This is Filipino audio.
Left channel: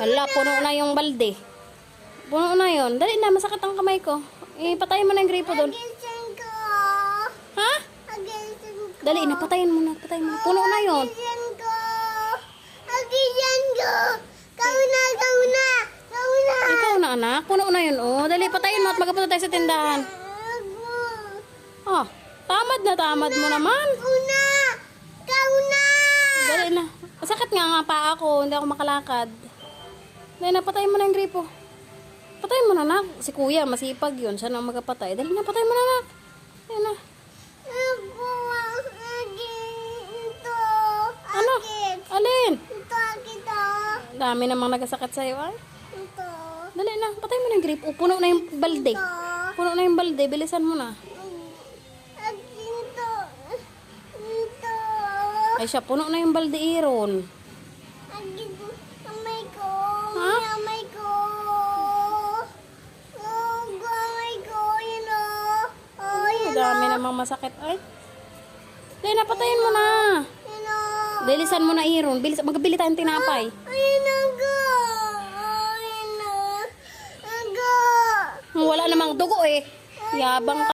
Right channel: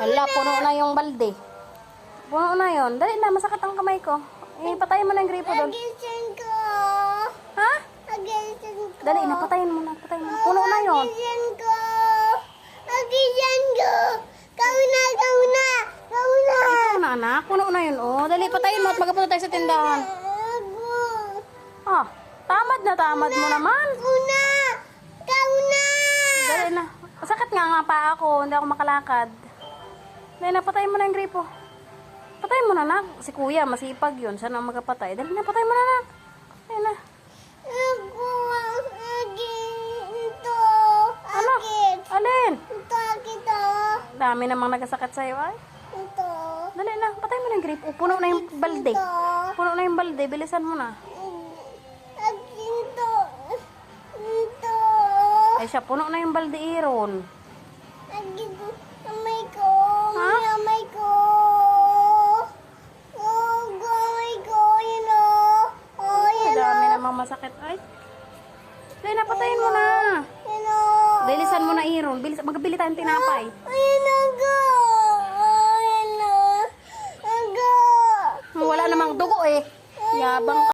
Hala, puno na yung balde. Puno na yun. Dali na, masakit ang kamay ko. Patayin mo na yung gripo doon. Agisan ko. Ha? Agisan ko. Dali na, patayin mo na. Patayin mo na. Puno na yun. Agisan ko. Agisan ko. Kauna, kauna. Kauna. Ikaw na, anak. Puno na yun. Oh, dali, patayin mo at magpunta tayo sa tindahan. Oh, tamad mo naman. Kauna. Kauna. Dali na. Masakit nga pa ako. Hindi ako makalakad. Dali na, patayin mo na yung gripo. Patayin mo na, anak. Si kuya, masipag yun. Siya na magkapatay. Dali na, patayin mo na, anak. Dali na. Ako, ito. Ano? Akit. Alin? Ito, akit, Dami namang nagasakit sa'yo, ay. Ito. Dali na, patayin mo na yung gripo. Puno na yung balde. Ito. Puno na yung balde. Bilisan mo na. Ito. Ito. Ay siya, puno na yung balde, Iron. Ito. Amay ko. Ha? Amay ko. Oh, amay ko. Yun o. Oh, yun o. Dami namang masakit, ay. Dali na, patayin mo na. Yun o. Bilisan mo na, Iron. Magbili tayong tinapay. Ayun o, go. Oh, yun o. Go. Wala namang dugo eh. Yabang ka.